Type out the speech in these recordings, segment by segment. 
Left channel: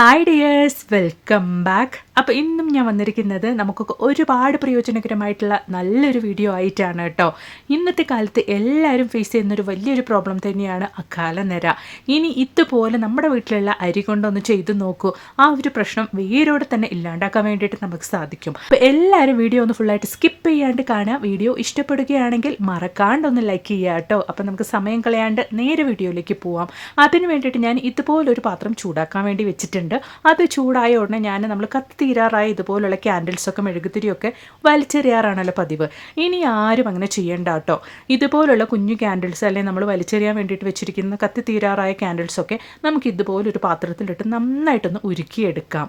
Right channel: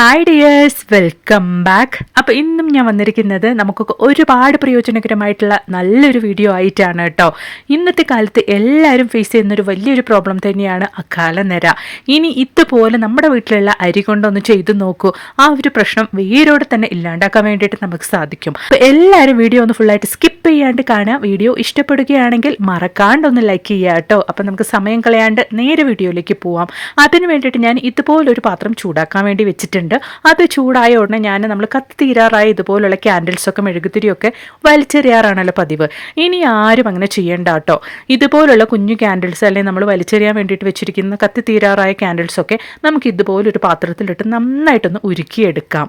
Hi dears, welcome back. അപ്പോൾ ഇന്നും ഞാൻ വന്നിരിക്കുന്നത് നമുക്കൊക്കെ ഒരുപാട് പ്രയോജനകരമായിട്ടുള്ള നല്ലൊരു വീഡിയോ ആയിട്ടാണ് കേട്ടോ. ഇന്നത്തെ കാലത്ത് എല്ലാവരും ഫേസ് ചെയ്യുന്നൊരു വലിയൊരു പ്രോബ്ലം തന്നെയാണ് അകാലനര. ഇനി ഇതുപോലെ നമ്മുടെ വീട്ടിലുള്ള അരി കൊണ്ടൊന്ന് ചെയ്ത് നോക്കൂ. ആ ഒരു പ്രശ്നം വേരോടെ തന്നെ ഇല്ലാണ്ടാക്കാൻ വേണ്ടിയിട്ട് നമുക്ക് സാധിക്കും. അപ്പോൾ എല്ലാവരും വീഡിയോ ഒന്ന് ഫുള്ളായിട്ട് സ്കിപ്പ് ചെയ്യാണ്ട് കാണുക. വീഡിയോ ഇഷ്ടപ്പെടുകയാണെങ്കിൽ മറക്കാണ്ടൊന്ന് ലൈക്ക് ചെയ്യുക കേട്ടോ. അപ്പോൾ നമുക്ക് സമയം കളയാണ്ട് നേരെ വീഡിയോയിലേക്ക് പോവാം. അതിന് വേണ്ടിയിട്ട് ഞാൻ ഇതുപോലൊരു പാത്രം ചൂടാക്കാൻ വേണ്ടി വെച്ചിട്ടുണ്ട്. അത് ചൂടായ ഉടനെ നമ്മൾ കത്തി തീരാറായ ഇതുപോലുള്ള ക്യാൻഡിൽസൊക്കെ മെഴുകുതിരിയൊക്കെ വലിച്ചെറിയാറാണല്ലോ പതിവ്. ഇനി ആരും അങ്ങനെ ചെയ്യേണ്ട കേട്ടോ. ഇതുപോലുള്ള കുഞ്ഞു ക്യാൻഡിൽസ് അല്ലെങ്കിൽ നമ്മൾ വലിച്ചെറിയാൻ വേണ്ടിയിട്ട് വെച്ചിരിക്കുന്ന കത്തി തീരാറായ ക്യാൻഡിൽസൊക്കെ നമുക്ക് ഇതുപോലൊരു പാത്രത്തിലിട്ട് നന്നായിട്ടൊന്ന് ഉരുക്കിയെടുക്കാം.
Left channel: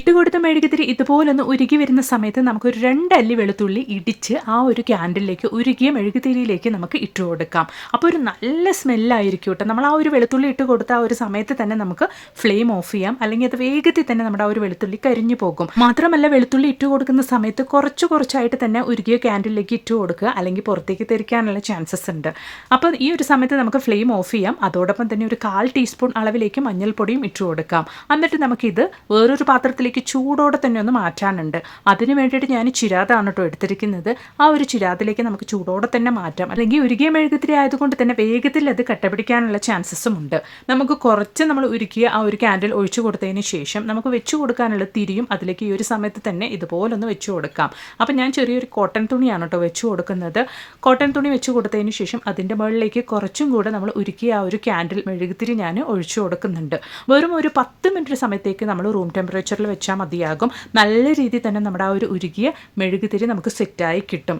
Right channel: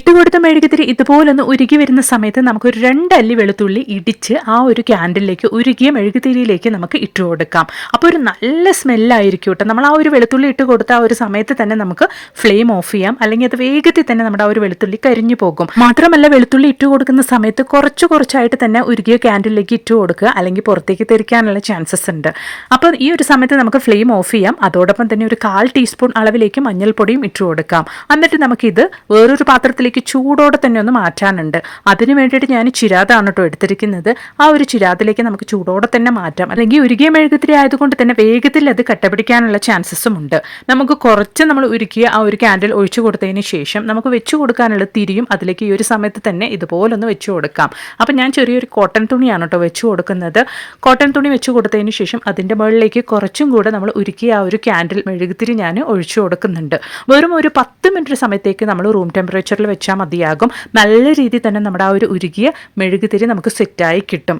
ഇട്ടുകൊടുത്ത മെഴുകുതിരി ഇതുപോലൊന്ന് ഉരുകി വരുന്ന സമയത്ത് നമുക്കൊരു 2 അല്ലി വെളുത്തുള്ളി ഇടിച്ച് ആ ഒരു ക്യാൻഡിലേക്ക് ഉരുകിയ മെഴുകുതിരിയിലേക്ക് നമുക്ക് ഇട്ട് കൊടുക്കാം. അപ്പോൾ ഒരു നല്ല സ്മെല്ലായിരിക്കും കേട്ടോ. നമ്മൾ ആ ഒരു വെളുത്തുള്ളി ഇട്ട് കൊടുത്ത ആ ഒരു സമയത്ത് തന്നെ നമുക്ക് ഫ്ലെയിം ഓഫ് ചെയ്യാം, അല്ലെങ്കിൽ അത് വേഗത്തിൽ തന്നെ നമ്മുടെ ആ ഒരു വെളുത്തുള്ളി കരിഞ്ഞു പോകും. മാത്രമല്ല, വെളുത്തുള്ളി ഇട്ട് കൊടുക്കുന്ന സമയത്ത് കുറച്ചായിട്ട് തന്നെ ഉരുകിയ ക്യാൻഡിലേക്ക് ഇട്ട് കൊടുക്കുക, അല്ലെങ്കിൽ പുറത്തേക്ക് തെറിക്കാനുള്ള ചാൻസസ് ഉണ്ട്. അപ്പോൾ ഈ ഒരു സമയത്ത് നമുക്ക് ഫ്ലെയിം ഓഫ് ചെയ്യാം. അതോടൊപ്പം തന്നെ ഒരു 1/4 ടീസ്പൂൺ അളവിലേക്ക് മഞ്ഞൾപ്പൊടിയും ഇട്ട് കൊടുക്കാം. എന്നിട്ട് നമുക്കിത് വേറൊരു പാത്രത്തിൽ ചൂടോടെ തന്നെ ഒന്ന് മാറ്റാനുണ്ട്. അതിന് വേണ്ടിയിട്ട് ഞാൻ ചിരാതാണ് കേട്ടോ എടുത്തിരിക്കുന്നത്. ആ ഒരു ചിരാതിലേക്ക് നമുക്ക് ചൂടോടെ തന്നെ മാറ്റാം, അല്ലെങ്കിൽ ഉരുകിയ മെഴുകുതിരി ആയതുകൊണ്ട് തന്നെ വേഗത്തിൽ അത് കട്ടപിടിക്കാനുള്ള ചാൻസസും ഉണ്ട്. നമുക്ക് കുറച്ച് നമ്മൾ ഉരുക്കിയ ആ ഒരു ക്യാൻഡിൽ ഒഴിച്ചു കൊടുത്തതിന് ശേഷം നമുക്ക് വെച്ചു കൊടുക്കാനുള്ള തിരിയും അതിലേക്ക് ഈ ഒരു സമയത്ത് തന്നെ ഇതുപോലൊന്ന് വെച്ചു കൊടുക്കാം. അപ്പം ഞാൻ ചെറിയൊരു കോട്ടൺ തുണിയാണ് കേട്ടോ വെച്ചു കൊടുക്കുന്നത്. കോട്ടൺ തുണി വെച്ചു കൊടുത്തതിന് ശേഷം അതിൻ്റെ മുകളിലേക്ക് കുറച്ചും കൂടെ നമ്മൾ ഉരുക്കിയ ആ ഒരു ക്യാൻഡിൽ മെഴുകുതിരി ഞാൻ ഒഴിച്ചു കൊടുക്കുന്നുണ്ട്. വെറും ഒരു 10 മിനിറ്റ് സമയത്തേക്ക് നമ്മൾ റൂം ടെമ്പറേച്ചറിൽ വെച്ചാൽ മതിയാകും. നല്ല രീതിയിൽ തന്നെ നമ്മുടെ ആ ഒരു ഉരുകിയ മെഴുകുതിരി നമുക്ക് സെറ്റായി കിട്ടും.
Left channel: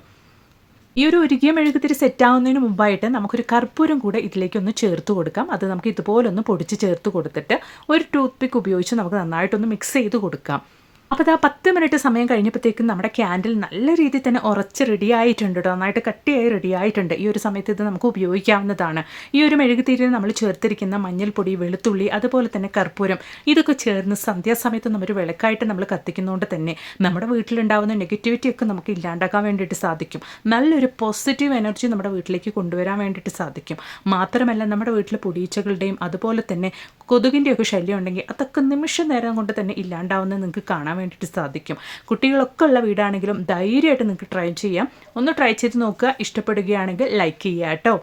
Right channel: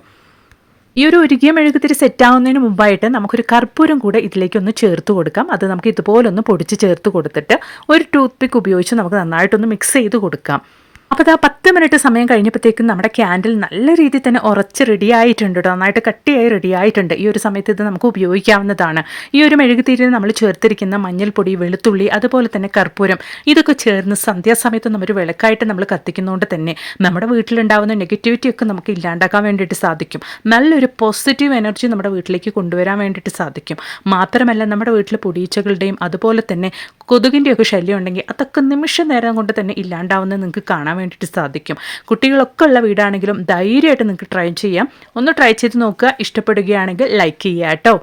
ഈ ഒരു ഉരുകിയ മെഴുകുതിരി സെറ്റാവുന്നതിന് മുമ്പായിട്ട് നമുക്കൊരു കർപ്പൂരം കൂടെ ഇതിലേക്കൊന്ന് ചേർത്ത് കൊടുക്കാം. അത് നമുക്ക് ഇതുപോലൊന്ന് പൊടിച്ച് ചേർത്ത് കൊടുത്തിട്ട് ഒരു ടൂത്ത് പിക്ക് ഉപയോഗിച്ച് നമുക്ക് നന്നായിട്ടൊന്ന് മിക്സ് ചെയ്ത് കൊടുക്കാം. അപ്പോൾ അത് 10 മിനിറ്റ് സമയം കഴിഞ്ഞപ്പോഴത്തേക്കും നമ്മുടെ ക്യാൻഡിൽ നല്ല രീതിയിൽ തന്നെ ഉറച്ച് റെഡി ആയിട്ടുണ്ട് കേട്ടോ. നന്നായിട്ട് കട്ടിയായി റെഡി ആയിട്ടുണ്ട്. ഈ ഒരു സമയത്ത് ഇത് നമുക്ക് ഉപയോഗിക്കാവുന്നതാണ്. ഈ ഒരു മെഴുകുതിരിയിൽ നമ്മൾ ചേർത്തിരിക്കുന്ന മഞ്ഞൾപ്പൊടി, വെളുത്തുള്ളി, അതുപോലെ തന്നെ കർപ്പൂരം, ഇതൊക്കെ ചേർന്ന് സന്ധ്യാസമയത്ത് നമ്മൾ വിളക്കായിട്ട് നമ്മൾ കത്തിക്കുന്നതുകൊണ്ട് തന്നെ നമ്മുടെ വീട്ടിലുണ്ടാകുന്ന നെഗറ്റിവിറ്റി ഒക്കെ നമുക്ക് ഇല്ലാണ്ടാക്കാൻ വേണ്ടിയിട്ട് സാധിക്കും. നല്ലൊരു പോസിറ്റീവ് എനർജി നമ്മുടെ വീട്ടിലേക്ക് കൊണ്ടുവരാൻ വേണ്ടിയിട്ട് സാധിക്കും. മാത്രമല്ല, നമ്മുടെ വീട്ടിൽ പൊടിയീച്ചകളുടെയും അതുപോലെ തന്നെ കൊതുകിൻ്റെയൊക്കെ ശല്യം ഉണ്ടെങ്കിൽ അതൊക്കെ നിമിഷ നേരം കൊണ്ട് തന്നെ ഇല്ലാണ്ടാവുന്നത് നിങ്ങൾക്ക് കാണാൻ വേണ്ടിയിട്ട് സാധിക്കും. കുട്ടികളൊക്കെ ഉള്ള വീടാണെങ്കിലും ധൈര്യമായിട്ട് നിങ്ങൾക്ക് ട്രൈ ചെയ്യാം. ഒന്ന് ട്രൈ ചെയ്ത് നോക്കുക. ഇഷ്ടപ്പെടുകയാണെങ്കിൽ ലൈക്ക് ചെയ്യുക കേട്ടോ.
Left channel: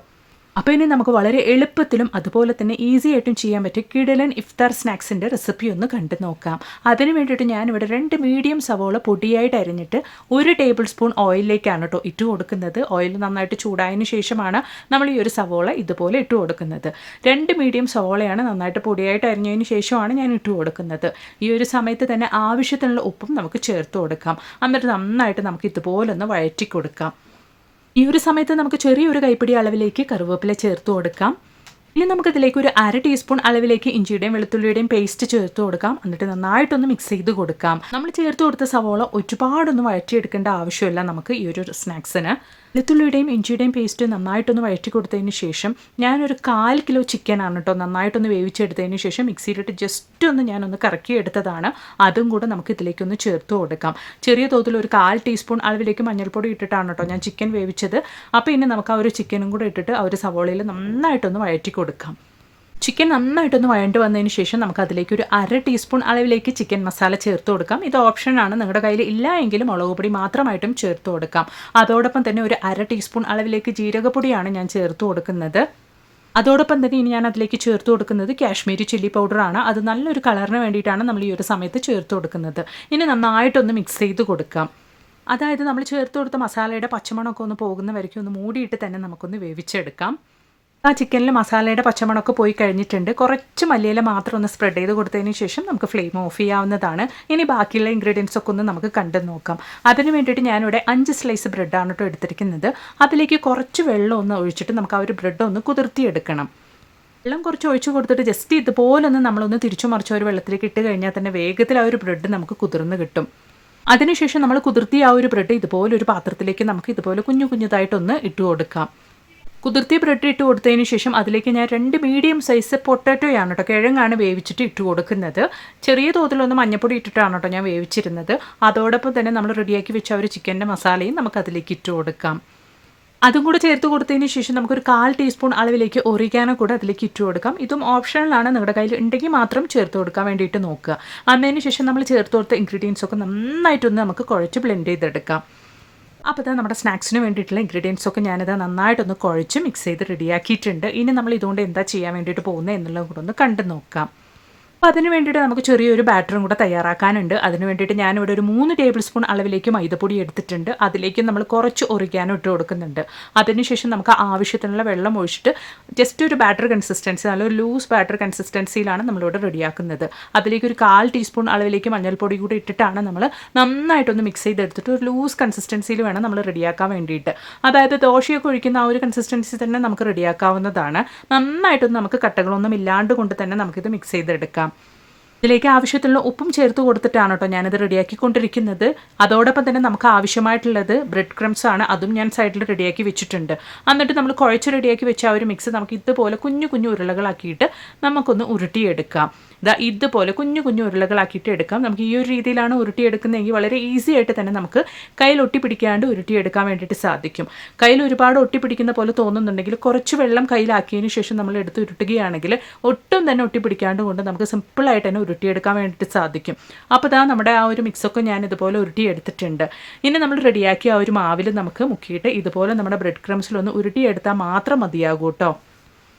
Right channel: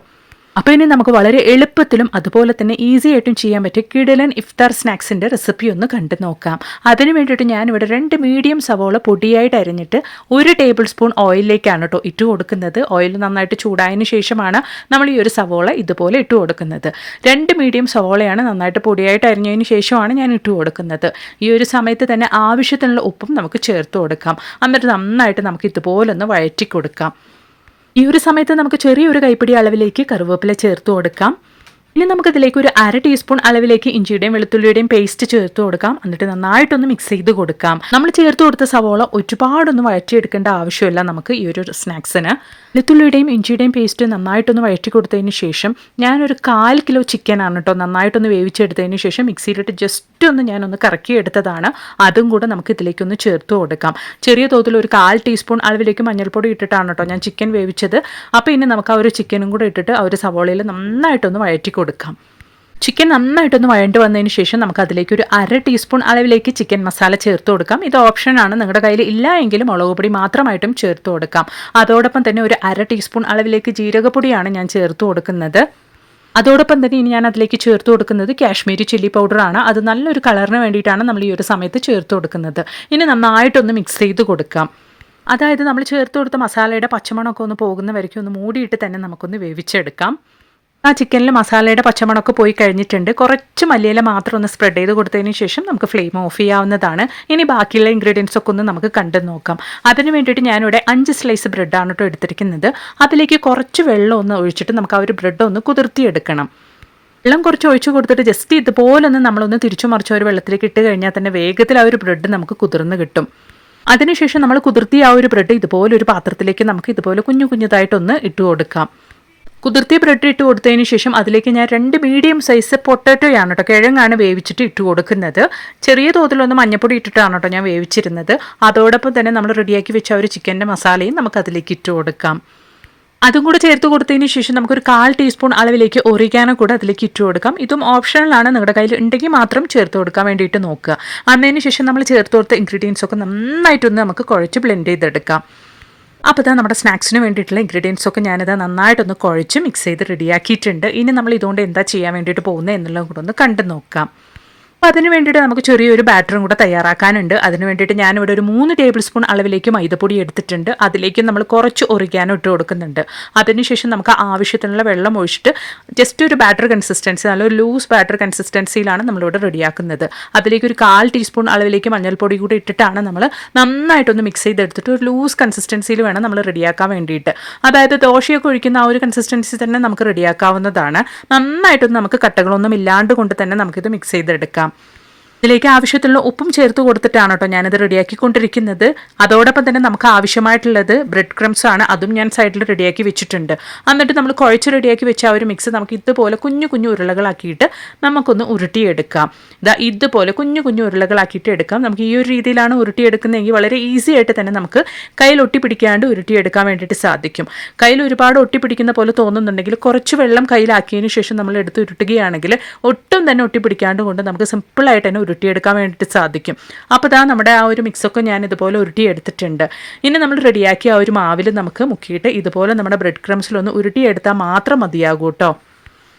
അപ്പോൾ ഇനി നമുക്ക് വളരെ എളുപ്പത്തിലും അതുപോലെ തന്നെ ഈസി ആയിട്ടും ചെയ്യാൻ പറ്റിയ കിടിലൻ ഇഫ്താർ സ്നാക്സിൻ്റെ റെസിപ്പി ഒന്ന് കണ്ടു നോക്കാം. അതിന് വേണ്ടിയിട്ട് ഞാനിവിടെ 2 മീഡിയം സവോള പൊടിയായിട്ട് അരിഞ്ഞിട്ട് 1 ടേബിൾ സ്പൂൺ ഓയിലിലേക്കാണ് കേട്ടോ ഇട്ട് കൊടുക്കുന്നത്. ഓയിൽ നന്നായിട്ട് ചൂടായതിന് ശേഷമാണ് നമ്മൾ ഈ ഒരു സവോള ഇതുപോലെ ഇട്ട് കൊടുക്കുന്നത്. 2 മീഡിയം സവോളയാണ് നന്നായിട്ട് പൊടിയായിട്ട് അരിഞ്ഞതിന് ശേഷമാണ് ഞാൻ ഇട്ട് കൊടുക്കുന്നത്. ഈ ഒരു സമയത്ത് തന്നെ ആവശ്യത്തിനുള്ള ഉപ്പും നമുക്ക് ചേർത്ത് കൊടുക്കാം. എന്നിട്ട് നന്നായിട്ട് നമുക്ക് ഇതുപോലൊന്ന് വഴറ്റി കൊടുക്കാം. ഈ ഒരു സമയത്ത് നമുക്ക് ചെറിയൊരു കൈപ്പിടി അളവിലേക്ക് കറിവേപ്പില ചേർത്ത് കൊടുക്കാം. ഇനി നമുക്കിതിലേക്ക് ഒരു 1/2 ടീസ്പൂൺ അളവിലേക്ക് ഇഞ്ചിയുടെയും വെളുത്തുള്ളിയുടെയും പേസ്റ്റ് ചേർത്ത് കൊടുക്കാം. എന്നിട്ട് നന്നായിട്ടൊന്ന് മിക്സ് ചെയ്ത് കൊടുക്കാം. നമ്മൾ ചേർത്ത് കൊടുത്ത സവോള ഒരുപാടൊന്നും വഴറ്റിയെടുക്കേണ്ട ആവശ്യമില്ല നമുക്ക് ഈ ഒരു സ്നാക്സിന്. വെളുത്തുള്ളിയുടെയും ഇഞ്ചിയുടെയും പേസ്റ്റ് നന്നായിട്ടൊന്ന് വഴറ്റി കൊടുത്തതിന് ശേഷം ഞാനൊരു 1/4 കിലോ ചിക്കനാണ് കേട്ടോ നന്നായിട്ടൊന്ന് വേവിച്ചെടുത്തതിന് ശേഷം മിക്സിയിലിട്ട് ജസ്റ്റ് ഒന്ന് ഞാനൊന്ന് കറക്കിയെടുത്തതാണ്. അതും കൂടെ നമുക്ക് ഇതിലേക്കൊന്ന് ചേർത്ത് കൊടുക്കാം. ചെറിയ തോതിൽ ഒരു 1/4 ടീസ്പൂൺ അളവിലേക്ക് മഞ്ഞൾപ്പൊടി ഇട്ടിട്ടാണ് കേട്ടോ ഞാൻ ചിക്കൻ വേവിച്ചത്. അപ്പോൾ ഇനി നമുക്ക് ആ ഒരു ചിക്കനും കൂടെ ഇട്ടിട്ട് ആ ഒരു സവോളയിൽ നന്നായിട്ടൊന്ന് വഴറ്റി കൊടുക്കാം. ചിക്കൻ നന്നായിട്ടൊന്ന് വഴണ്ട് വന്നതിന് ശേഷം നമുക്ക് അതിലേക്ക് ഒരു 1/2 ടീസ്പൂൺ അളവിലേക്ക് ചിക്കൻ മസാല ചേർത്ത് കൊടുക്കാം. ഇത് ഓപ്ഷനാണ്, നിങ്ങളുടെ കയ്യിൽ ഇല്ല എങ്കിലും മുളക് പൊടി മാത്രമായിട്ടും ചേർത്ത് കൊടുക്കാം. അതോടൊപ്പം തന്നെ ഒരു 1/2 ടീസ്പൂൺ അളവിലേക്ക് ജീരകപ്പൊടിയാണ് ഞാൻ ചേർത്ത് കൊടുക്കുന്നത്. അതോടൊപ്പം തന്നെ ഇനി ഞാൻ അതിലേക്ക് ചേർത്ത് കൊടുക്കുന്നത് കാശ്മീരി ചില്ലി പൗഡറാണ്. അത് നല്ലൊരു കളറിന് വേണ്ടിയിട്ടാണ് നമ്മൾ ഈ ഒരു സമയത്ത് ചേർത്ത് കൊടുക്കുന്നത്. ഇനി നന്നായിട്ടൊന്ന് മിക്സ് ചെയ്ത് കൊടുക്കാം. അതായത് നമ്മൾ ചേർത്ത് കൊടുത്ത മസാലയുടെ പച്ചമണമൊക്കെ ഒന്ന് പോകുന്ന വരയ്ക്കും ഒന്ന് മൂടിയിട്ട് തന്നെ നമുക്കൊന്ന് വേവിച്ചെടുക്കാം. ആ ചിക്കനിൽ മസാലയുടെ പച്ചമണമൊക്കെ പോയി കഴിഞ്ഞിട്ടുണ്ട്. കുറച്ച് മല്ലിയില മാത്രം ഒന്ന് സ്പ്രെഡ് ചെയ്ത് കൊടുത്തതിന് ശേഷം നമുക്ക് ഫ്ലെയിം ഓഫ് ചെയ്യാവുന്നതാണ്. ഇനി ബാക്കിയുള്ള ഇൻഗ്രീഡിയൻസ് ഒക്കെ ഒന്ന് നമുക്ക് കണ്ടു നോക്കാം. അതിന് വേണ്ടിയിട്ട് ഞാനിവിടെ 5 സ്ലൈസ് ബ്രെഡാണ് കേട്ടോ എടുത്തിരിക്കുന്നത്. അതിലേക്ക് കുറച്ച് വെള്ളം ഒന്ന് ഒഴിച്ചിട്ട് നമുക്ക് ആ ഒരു ബ്രെഡ് ഒന്ന് കുതിർത്തിയെടുക്കണം. വെള്ളം കുറച്ച് ഒഴിച്ചു കൊടുത്തിട്ട് ജസ്റ്റ് ഇതുപോലൊന്ന് നമ്മളൊന്ന് തിരിച്ചു മറിച്ച് ഒരു വെള്ളത്തിലേക്ക് ഇട്ട് കഴിഞ്ഞാൽ തന്നെ വേഗത്തിൽ ആ ഒരു ബ്രെഡ് നമുക്ക് കുതിർന്ന് കിട്ടും. അതിനുശേഷം നമ്മൾ കുതിർത്തിയ ആ ഒരു ബ്രെഡ് ഇതുപോലെ ഒരു പാത്രത്തിലേക്ക് നമുക്ക് ഇതുപോലെ കുഞ്ഞുതായിട്ടൊന്ന് ഇട്ട് കൊടുക്കാം. കുതിർത്തിയ ബ്രെഡ് ഇട്ട് കൊടുത്തതിന് ശേഷം അതിലേക്ക് ഞാൻ 2 മീഡിയം സൈസ് പൊട്ടാറ്റോയാണ് കേട്ടോ, കിഴങ്ങാണ് വേവിച്ചിട്ട് ഇട്ട് കൊടുക്കുന്നത്. ചെറിയ തോതിലൊന്ന് മഞ്ഞപ്പൊടി ഇട്ടിട്ടാണ് കേട്ടോ ഞാൻ വേവിച്ചിരുന്നത്. അതോടൊപ്പം തന്നെ നമ്മൾ റെഡിയാക്കി വെച്ച ഒരു ചിക്കൻ്റെ മസാലയും നമുക്ക് അതിലേക്ക് ഇട്ട് കൊടുക്കാം. അതും കൂടെ ചേർത്ത് കൊടുത്തതിന് ശേഷം നമുക്കൊരു 1/4 ടീസ്പൂൺ അളവിലേക്ക് ഒറിഗാനോ കൂടെ അതിലേക്ക് ഇട്ട് കൊടുക്കാം. ഇതും ഓപ്ഷണലാണ്, നിങ്ങളുടെ കയ്യിൽ ഉണ്ടെങ്കിൽ മാത്രം ചേർത്ത് കൊടുക്കാൻ വേണ്ടിയിട്ട് നോക്കുക. അതിന് ശേഷം നമ്മൾ ചേർത്ത് കൊടുത്ത ഇൻഗ്രീഡിയൻസ് ഒക്കെ നന്നായിട്ടൊന്ന് നമുക്ക് കുഴച്ച് ബ്ലെൻഡ് ചെയ്തെടുക്കാം. അപ്പോൾ ഇതാ നമ്മുടെ സ്നാക്സിന് വേണ്ടിയിട്ടുള്ള ഇൻഗ്രീഡിയൻസ് ഒക്കെ ഞാനിത് നന്നായിട്ടൊന്ന് കുഴച്ച് മിക്സ് ചെയ്ത് റെഡിയാക്കിയിട്ടുണ്ട്. ഇനി നമ്മൾ ഇതുകൊണ്ട് എന്താ ചെയ്യാൻ വേണ്ടിയിട്ട് പോകുന്നത് എന്നുള്ളത് കൂടെ ഒന്ന് കണ്ടു നോക്കാം. അപ്പോൾ അതിന് വേണ്ടിയിട്ട് നമുക്ക് ചെറിയൊരു ബാറ്ററും കൂടെ തയ്യാറാക്കാനുണ്ട്. അതിന് വേണ്ടിയിട്ട് ഞാനിവിടെ ഒരു 3 ടേബിൾ സ്പൂൺ അളവിലേക്ക് മൈദപ്പൊടി എടുത്തിട്ടുണ്ട്. അതിലേക്ക് നമ്മൾ കുറച്ച് ഒറിഗാനോ ഇട്ട് കൊടുക്കുന്നുണ്ട്. അതിനുശേഷം നമുക്ക് ആവശ്യത്തിനുള്ള വെള്ളം ഒഴിച്ചിട്ട് ജസ്റ്റ് ഒരു ബാറ്റർ കൺസിസ്റ്റൻസി, നല്ലൊരു ലൂസ് ബാറ്റർ കൺസിസ്റ്റൻസിയിലാണ് നമ്മളിവിടെ റെഡിയാക്കുന്നത്. അതിലേക്ക് ഒരു 1/4 ടീസ്പൂൺ അളവിലേക്ക് മഞ്ഞൾപ്പൊടി കൂടി ഇട്ടിട്ടാണ് നമ്മൾ നന്നായിട്ടൊന്ന് മിക്സ് ചെയ്തെടുത്തിട്ട് ഒരു ലൂസ് കൺസിസ്റ്റൻസിയിൽ വേണം നമ്മൾ റെഡിയാക്കാൻ വേണ്ടിയിട്ട്. അതായത് ദോശയൊക്കെ ഒഴിക്കുന്ന ആ ഒരു കൺസിസ്റ്റൻസി തന്നെ നമുക്ക് റെഡിയാക്കാവുന്നതാണ്. നന്നായിട്ടൊന്ന് നമുക്ക് കട്ടകളൊന്നും ഇല്ലാണ്ട് കൊണ്ട് തന്നെ നമുക്കിത് മിക്സ് ചെയ്തെടുക്കാം. ഇതിലേക്ക് ആവശ്യത്തിലുള്ള ഉപ്പും ചേർത്ത് കൊടുത്തിട്ടാണ് കേട്ടോ ഞാനിത് റെഡിയാക്കിക്കൊണ്ടിരിക്കുന്നത്. അതോടൊപ്പം തന്നെ നമുക്ക് ആവശ്യമായിട്ടുള്ളത് ബ്രെഡ് ക്രംസ് ആണ്. അതും ഞാൻ സൈഡിൽ റെഡിയാക്കി വെച്ചിട്ടുണ്ട്. എന്നിട്ട് നമ്മൾ കുഴച്ച് റെഡിയാക്കി വെച്ച ആ ഒരു മിക്സ് നമുക്ക് ഇതുപോലെ കുഞ്ഞു കുഞ്ഞു ഉരുളകളാക്കിയിട്ട് നമുക്കൊന്ന് ഉരുട്ടിയെടുക്കാം. ഇതുപോലെ കുഞ്ഞു കുഞ്ഞു ഉരുളകളാക്കിയിട്ട് എടുക്കാം. നമുക്ക് ഈ ഒരു രീതിയിലാണ് ഉരുട്ടിയെടുക്കുന്നതെങ്കിൽ വളരെ ഈസി ആയിട്ട് തന്നെ നമുക്ക് കയ്യിൽ ഒട്ടിപ്പിടിക്കാണ്ട് ഉരുട്ടിയെടുക്കാൻ വേണ്ടിയിട്ട് സാധിക്കും. കയ്യിൽ ഒരുപാട് ഒട്ടിപ്പിടിക്കുന്ന പോലെ തോന്നുന്നുണ്ടെങ്കിൽ കുറച്ച് വെള്ളം കയ്യിലാക്കിയതിന് ശേഷം നമ്മൾ എടുത്ത് ഉരുട്ടുകയാണെങ്കിൽ ഒട്ടും തന്നെ ഒട്ടിപ്പിടിക്കാണ്ട് കൊണ്ട് നമുക്ക് സിമ്പിളായിട്ട് തന്നെ ഉരുട്ടിയെടുക്കാൻ വേണ്ടിയിട്ട് സാധിക്കും. അപ്പോൾ ഇതാ നമ്മുടെ ആ ഒരു മിക്സൊക്കെ ഞാൻ ഇതുപോലെ ഉരുട്ടിയെടുത്തിട്ടുണ്ട്. ഇനി നമ്മൾ റെഡിയാക്കിയ ആ ഒരു മാവിൽ നമുക്ക് മുക്കിയിട്ട് ഇതുപോലെ നമ്മുടെ ബ്രെഡ് ക്രംസിലൊന്ന് ഉരുട്ടിയെടുത്താൽ മാത്രം മതിയാകും കേട്ടോ.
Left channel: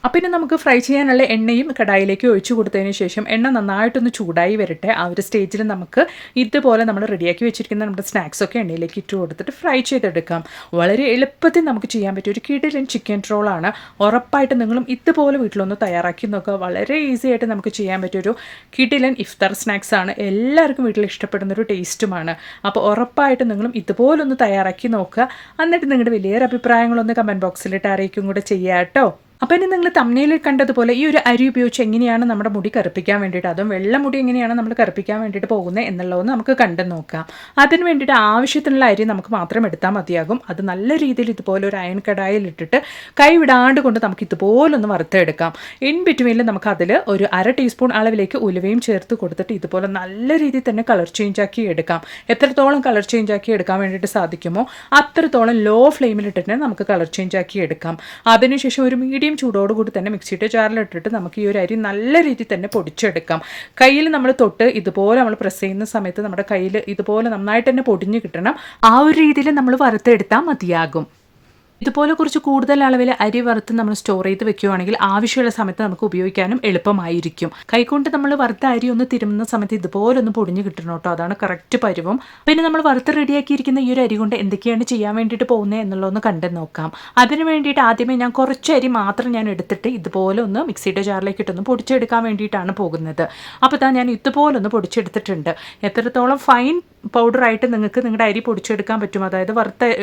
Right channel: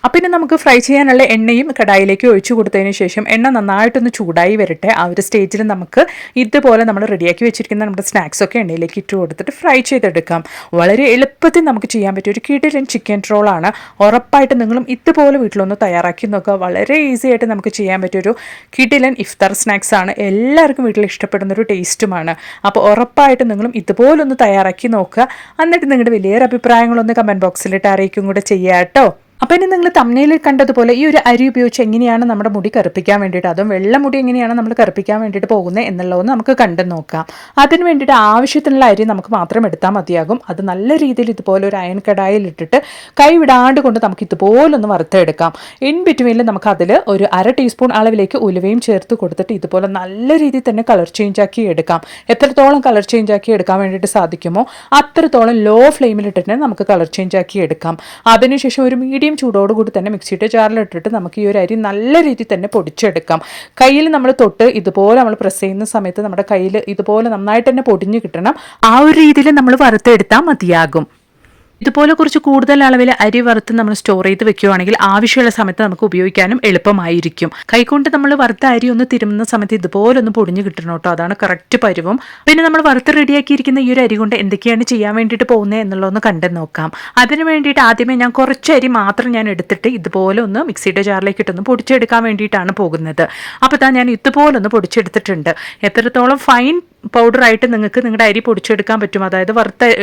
അപ്പം ഇനി നമുക്ക് ഫ്രൈ ചെയ്യാനുള്ള എണ്ണയും കടായിലേക്ക് ഒഴിച്ചു കൊടുത്തതിന് ശേഷം എണ്ണ നന്നായിട്ടൊന്ന് ചൂടായി വരട്ടെ. ആ ഒരു സ്റ്റേജിൽ നമുക്ക് ഇതുപോലെ നമ്മൾ റെഡിയാക്കി വെച്ചിരിക്കുന്ന നമ്മുടെ സ്നാക്സൊക്കെ എണ്ണയിലേക്ക് ഇട്ട് കൊടുത്തിട്ട് ഫ്രൈ ചെയ്തെടുക്കാം. വളരെ എളുപ്പത്തിൽ നമുക്ക് ചെയ്യാൻ പറ്റിയ ഒരു കിടിലൻ ചിക്കൻ റോളാണ്. ഉറപ്പായിട്ട് നിങ്ങളും ഇതുപോലെ വീട്ടിലൊന്ന് തയ്യാറാക്കി നോക്കുക. വളരെ ഈസി ആയിട്ട് നമുക്ക് ചെയ്യാൻ പറ്റിയൊരു കിടിലൻ ഇഫ്താർ സ്നാക്സ് ആണ്. എല്ലാവർക്കും വീട്ടിൽ ഇഷ്ടപ്പെടുന്നൊരു ടേസ്റ്റുമാണ്. അപ്പോൾ ഉറപ്പായിട്ട് നിങ്ങളും ഇതുപോലൊന്ന് തയ്യാറാക്കി നോക്കുക. എന്നിട്ട് നിങ്ങളുടെ വലിയൊരു അഭിപ്രായങ്ങളൊന്ന് കമൻറ്റ് ബോക്സിലിട്ട് അറിയിക്കും കൂടെ ചെയ്യാം കേട്ടോ. അപ്പോൾ ഇനി നിങ്ങൾ തംബ്നെയിലിൽ കണ്ടതുപോലെ ഈ ഒരു അരി ഉപയോഗിച്ച് എങ്ങനെയാണ് നമ്മുടെ മുടി കറുപ്പിക്കാൻ വേണ്ടിയിട്ട്, അതും വെള്ള മുടി എങ്ങനെയാണ് നമ്മൾ കറുപ്പിക്കാൻ വേണ്ടിയിട്ട് പോകുന്നത് എന്നുള്ളതൊന്ന് നമുക്ക് കണ്ടു നോക്കാം. അതിന് വേണ്ടിയിട്ട് ആവശ്യത്തിനുള്ള അരി നമുക്ക് മാത്രം എടുത്താൽ മതിയാകും. അത് നല്ല രീതിയിൽ ഇതുപോലെ ഒരു അയൺ കടായിൽ ഇട്ടിട്ട് കൈ വിടാണ്ട് കൊണ്ട് നമുക്ക് ഇതുപോലൊന്ന് വറുത്തെടുക്കാം. ഇൻ ബിറ്റ്വീനിൽ നമുക്ക് അതിൽ ഒരു 1/2 ടീസ്പൂൺ അളവിലേക്ക് ഉലുവയും ചേർത്ത് കൊടുത്തിട്ട് ഇതുപോലെ നല്ല രീതിയിൽ തന്നെ കളർ ചേഞ്ച് ആക്കി എടുക്കാം. എത്രത്തോളം കളർ ചേഞ്ച് ആക്കി എടുക്കാൻ വേണ്ടിയിട്ട് സാധിക്കുമോ അത്രത്തോളം ലോ ഫ്ലെയിമിലിട്ടിട്ട് നമുക്ക് കളർ ചേഞ്ച് ആക്കി എടുക്കാം. അതിനുശേഷം ഒരു മീഡിയം ചൂടോടുകൂടി തന്നെ മിക്സിയുടെ ജാറിലിട്ടിട്ട് നമുക്ക് ഈ ഒരു അരി നല്ല രീതിയിൽ തന്നെ പൊടിച്ചെടുക്കാം. കയ്യിൽ നമ്മൾ തൊട്ട് ഇതുപോലെ നമ്മൾ പ്രസ് ചെയ്യുന്ന സമയത്ത് നമ്മുടെ കയ്യിൽ ഇതുപോലെ നന്നായിട്ട് തന്നെ പൊടിഞ്ഞ് കിട്ടണം. ആ ഒരു രീതിയിൽ നമ്മൾ വറുത്തെടുത്താൽ മതിയാകും. ഇതുപോലെ കുറച്ച് കൂടുതൽ അളവിൽ അരി വറുത്ത് നമ്മൾ സ്റ്റോർ ചെയ്ത് വെക്കുകയാണെങ്കിൽ ആവശ്യമുള്ള സമയത്ത് നമുക്ക് ഉപയോഗിക്കാനും എളുപ്പമായിരിക്കും. കൈകൊണ്ട് നമ്മൾ വറുത്ത അരി ഒന്ന് തിരുമുന്ന സമയത്ത് ഇതുപോലെ ഒന്ന് പൊടിഞ്ഞ് കിട്ടണം കേട്ടോ. അതാണ് കറക്റ്റ് പരുവം. പിന്നെ നമ്മൾ വറുത്ത് റെഡിയാക്കിയിരിക്കുന്ന ഈ ഒരു അരി കൊണ്ട് എന്തൊക്കെയാണ് ചെയ്യാൻ വേണ്ടിയിട്ട് പോകുന്നത് എന്നുള്ളതൊന്ന് കണ്ടു നോക്കാം. അതിന് വേണ്ടിയിട്ട് ആദ്യമേ ഞാൻ കുറച്ച് അരി മാത്രം ഞാൻ എടുത്തിട്ട് ഇതുപോലെ ഒന്ന് മിക്സിയുടെ ജാറിലേക്ക് ഇട്ടൊന്ന് പൊടിച്ചെടുക്കാൻ വേണ്ടിയിട്ടാണ് പോകുന്നത്. അപ്പോൾ ഞാൻ ഇതുപോലെ ഒന്ന് പൊടിച്ചെടുത്തിട്ടുണ്ട്. എത്രത്തോളം ഫൈൻ പൗഡറായിട്ട് നിങ്ങൾക്ക് നിങ്ങളുടെ അരി പൊടിച്ചെടുക്കാൻ പറ്റും, അതായത്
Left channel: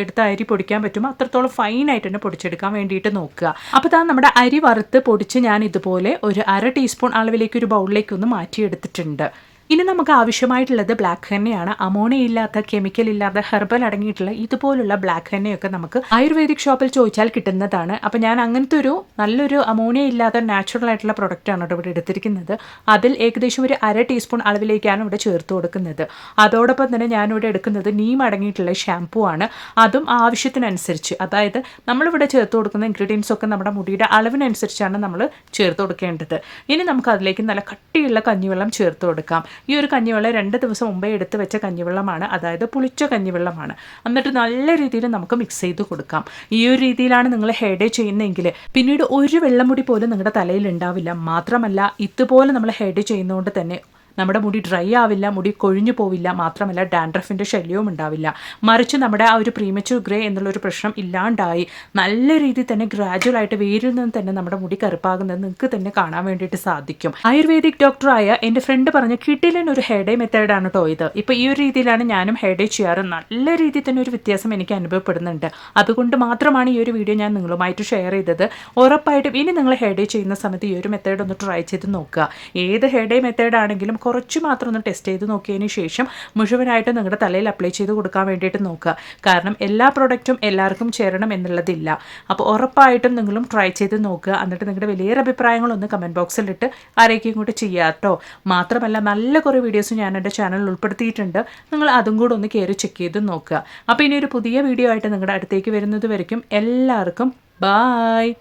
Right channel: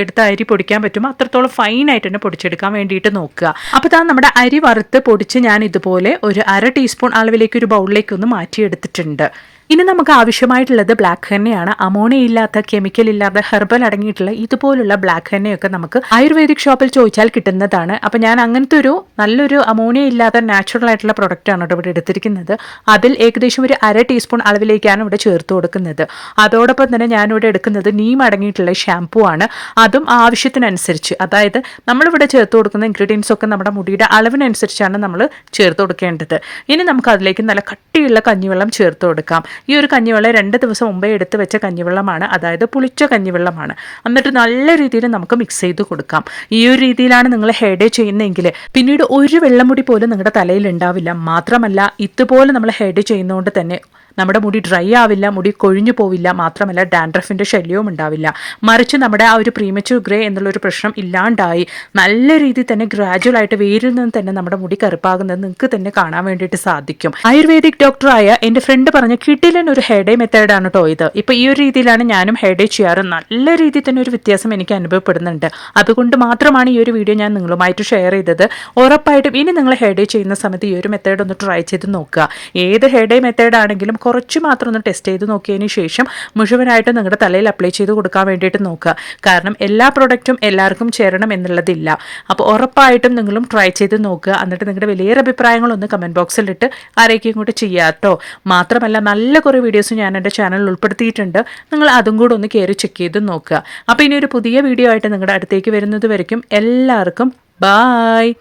എടുത്ത അരി പൊടിക്കാൻ പറ്റും, അത്രത്തോളം ഫൈനായിട്ട് തന്നെ പൊടിച്ചെടുക്കാൻ വേണ്ടിയിട്ട് നോക്കുക. അപ്പോൾ നമ്മുടെ അരി വറുത്ത് പൊടിച്ച് ഞാൻ ഇതുപോലെ ഒരു 1/2 ടീസ്പൂൺ അളവിലേക്ക് ഒരു ബൗളിലേക്ക് ഒന്ന് മാറ്റിയെടുത്തിട്ടുണ്ട്. ഇനി നമുക്ക് ആവശ്യമായിട്ടുള്ളത് ബ്ലാക്ക് ഹെന്നയാണ്. അമോണിയ ഇല്ലാത്ത, കെമിക്കൽ ഇല്ലാത്ത, ഹെർബൽ അടങ്ങിയിട്ടുള്ള ഇതുപോലുള്ള ബ്ലാക്ക് ഹെന്നയൊക്കെ നമുക്ക് ആയുർവേദിക് ഷോപ്പിൽ ചോദിച്ചാൽ കിട്ടുന്നതാണ്. അപ്പോൾ ഞാൻ അങ്ങനത്തെ ഒരു നല്ലൊരു അമോണിയ ഇല്ലാത്ത നാച്ചുറൽ ആയിട്ടുള്ള പ്രൊഡക്റ്റാണ് ഇവിടെ എടുത്തിരിക്കുന്നത്. അതിൽ ഏകദേശം ഒരു 1/2 ടീസ്പൂൺ അളവിലേക്കാണ് ഇവിടെ ചേർത്ത് കൊടുക്കുന്നത്. അതോടൊപ്പം തന്നെ ഞാനിവിടെ എടുക്കുന്നത് നീം അടങ്ങിയിട്ടുള്ള ഷാമ്പൂ ആണ്. അതും ആവശ്യത്തിനനുസരിച്ച്, അതായത് നമ്മളിവിടെ ചേർത്ത് കൊടുക്കുന്ന ഇൻഗ്രീഡിയൻസ് ഒക്കെ നമ്മുടെ മുടിയുടെ അളവിനനുസരിച്ചാണ് നമ്മൾ ചേർത്ത് കൊടുക്കേണ്ടത്. ഇനി നമുക്ക് അതിലേക്ക് നല്ല കട്ടിയുള്ള കഞ്ഞിവെള്ളം ചേർത്ത് കൊടുക്കാം. ഈ ഒരു കഞ്ഞിവെള്ളം 2 ദിവസം മുമ്പേ എടുത്ത് വെച്ച കഞ്ഞിവെള്ളമാണ്, അതായത് പുളിച്ച കഞ്ഞിവെള്ളമാണ്. എന്നിട്ട് നല്ല രീതിയിൽ നമുക്ക് മിക്സ് ചെയ്ത് കൊടുക്കാം. ഈ ഒരു രീതിയിലാണ് നിങ്ങൾ ഹെയർ ഡേ ചെയ്യുന്നതെങ്കിൽ പിന്നീട് ഒരു വെള്ളമുടി പോലും നിങ്ങളുടെ തലയിൽ ഉണ്ടാവില്ല. മാത്രമല്ല ഇതുപോലെ നമ്മൾ ഹെയർ ഡേ ചെയ്യുന്നതുകൊണ്ട് തന്നെ നമ്മുടെ മുടി ഡ്രൈ ആവില്ല, മുടി കൊഴിഞ്ഞു പോവില്ല. മാത്രമല്ല ഡാൻഡ്രഫിൻ്റെ ശല്യവും ഉണ്ടാവില്ല. മറിച്ച് നമ്മുടെ ആ ഒരു പ്രീമച്യൂർ ഗ്രേ എന്നുള്ളൊരു പ്രശ്നം ഇല്ലാണ്ടായി നല്ല രീതിയിൽ തന്നെ ഗ്രാജുവലായിട്ട് വേരിൽ നിന്ന് തന്നെ നമ്മുടെ മുടി കറുപ്പാകുന്നത് നിങ്ങൾക്ക് തന്നെ കാണാൻ വേണ്ടിയിട്ട് സാധിക്കും. ആയുർവേദിക് ഡോക്ടറായ എൻ്റെ ഫ്രണ്ട് പറഞ്ഞ കിടിലൻ ഒരു ഹെയർ ഡേ മെത്തേഡാണ് കേട്ടോ ഇത്. ഇപ്പോൾ ഈ ഒരു രീതിയിലാണ് ഞാനും ഹെയർ ഡേ ചെയ്യാറ്. നല്ല രീതിയിൽ തന്നെ ഒരു വ്യത്യാസം എനിക്ക് അനുഭവപ്പെടുന്നുണ്ട്. അതുകൊണ്ട് മാത്രമാണ് ഈ ഒരു വീഡിയോ ഞാൻ നിങ്ങളുമായിട്ട് ഷെയർ ചെയ്തത്. ഉറപ്പായിട്ടും ഇനി നിങ്ങൾ ഹെയർ ഡേ ചെയ്യുന്ന സമയത്ത് ഈ ഒരു മെത്തേഡ് ഒന്ന് ട്രൈ ചെയ്ത് നോക്കുക. ഏത് ഹെയർ ഡേ മെത്തേഡ് ആണെങ്കിലും കുറച്ച് മാത്രം ഒന്ന് ടെസ്റ്റ് ചെയ്ത് നോക്കിയതിന് ശേഷം മുഴുവനായിട്ട് നിങ്ങളുടെ തലയിൽ അപ്ലൈ ചെയ്ത് കൊടുക്കാൻ വേണ്ടിയിട്ട് നോക്കുക. കാരണം എല്ലാ പ്രൊഡക്റ്റും എല്ലാവർക്കും ചേരണം എന്നുള്ളതില്ല. അപ്പോൾ ഉറപ്പായിട്ടും നിങ്ങളും ട്രൈ ചെയ്ത് നോക്കുക. എന്നിട്ട് നിങ്ങളുടെ വലിയ അഭിപ്രായങ്ങളൊന്ന് കമൻറ്റ് ബോക്സിലിട്ട് ആരേക്കും ഇങ്ങോട്ട് ചെയ്യാട്ടോ. മാത്രമല്ല നല്ല കുറേ വീഡിയോസ് ഞാൻ എൻ്റെ ചാനലിൽ ഉൾപ്പെടുത്തിയിട്ടുണ്ട്. നിങ്ങൾ അതും കൂടെ ഒന്ന് കയറി ചെക്ക് ചെയ്ത് നോക്കുക. അപ്പോൾ ഇനി ഒരു പുതിയ വീഡിയോ ആയിട്ട് നിങ്ങളുടെ അടുത്തേക്ക് വരുന്നത് വരയ്ക്കും എല്ലാവർക്കും ബായ്.